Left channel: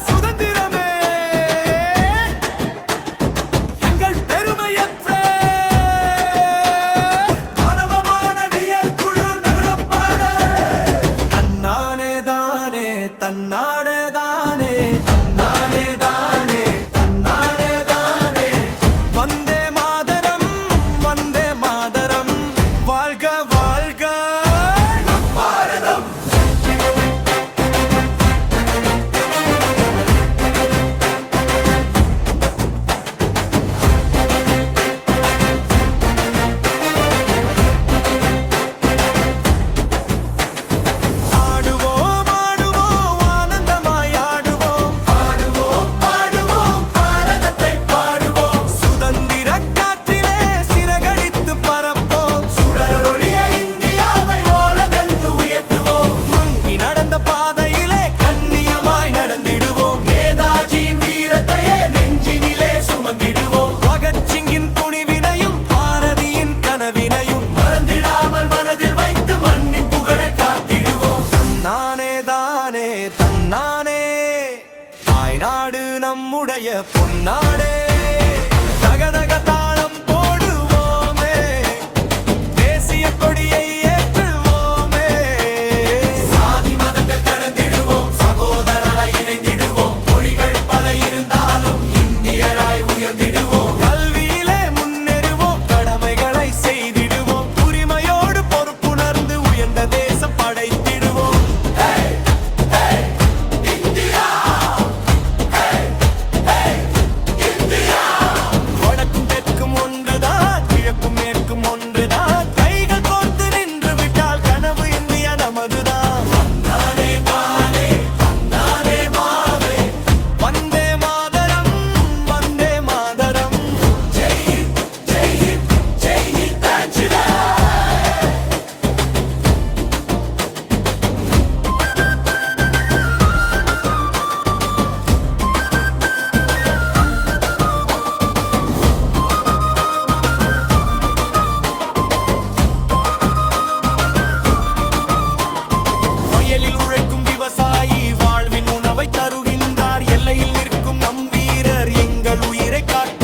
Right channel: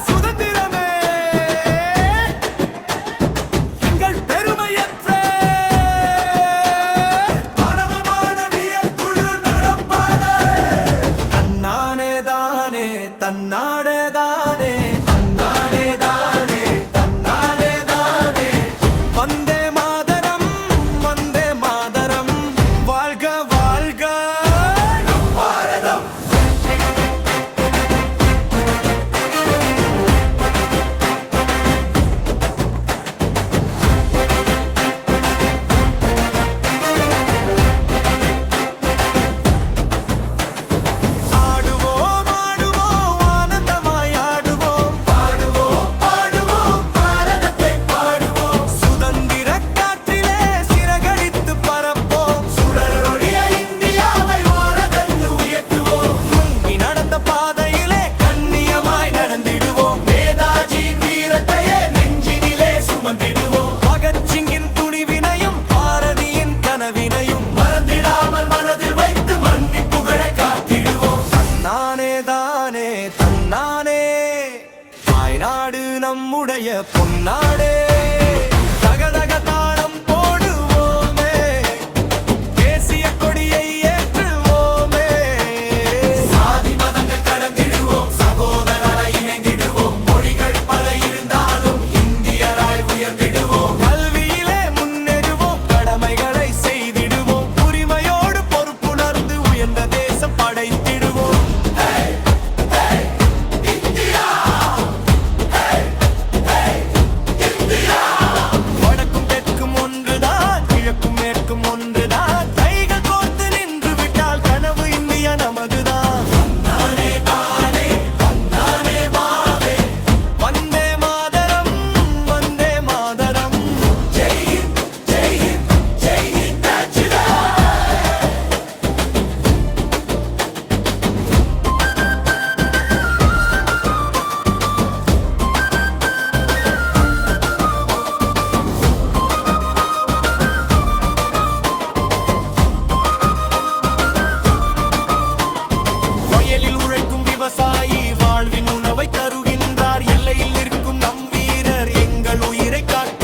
சுதந்திரமே எங்கள் பெருமையற்ற தன்னானே தானே தன்னாடே தானே தன்னானே தானே தன்னாடே தானே வந்தே மாதரம் வந்தே மாதரம் வாழ்க வாழ்க நம் பாரதம். ஆடுவோம் ஆடுவோம் ஆனந்தமாய் ஆடுவோம் பாடுவோம் பாடுவோம் பாரதத்தை பாடுவோம் சுதந்திர காற்றிலே சிறகடித்து பறப்போம் சுடரொளிய இந்தியாவை ஓரதென்று உயர்த்துவோம் மங்கி நடந்த பாதையிலே கண்ணியமாய் நடந்திடுவோம் நேதாஜி வீரத்தையே நெஞ்சினிலே சுமந்திடுவோம் பகத்சிங்கின் துணிவினையும் பாரதியின் கனவினையும் மறந்திடாமல் மனதில் வைத்து மன்னிப்புகளை காத்திடுவோம் தன்னானே தானே தன்னானே தாய்நாடு நம்முடைய பொன்னாடே தகதக தாளம் போடுவோமே தேசிய கொடியை ஏற்றுவோமே சாதி மதங்கள் கடந்திடுவோம் சகோதரரை இணைந்திடுவோம் மொழிகள் பல இருந்தாலும் இந்தியராய் உயர்ந்திடுவோம் கல்வியிலே முன்னேறுவோம் கடமைகளை செய்திடுவோம் உரிமையோடு பொறுப்புணர்ந்து உயர்ந்த தேசம் படைத்திடுவோம். வடக்கும் தெற்கும் ஒன்றுதான் கிழக்கும் மேற்கும் ஒன்றுதான் கைகள் கோர்த்து நின்று விட்டால் கனவு இந்தியா நமதுதான். தன்னானே தானே தன்னானே மாவே வந்தே மாதரம் வந்தே மாதரம் ஜெய் ஹிந்த் ஜெய் ஹிந்த் ஜெய் ஹிந்த் தாஜிலா. வயலில் உழைக்கும் விவசாயி வாழ்வின் உணவை தருகின்றார் எல்லையில் நிற்கும் நம் வீரர் எங்கள் உயிரை காட்டு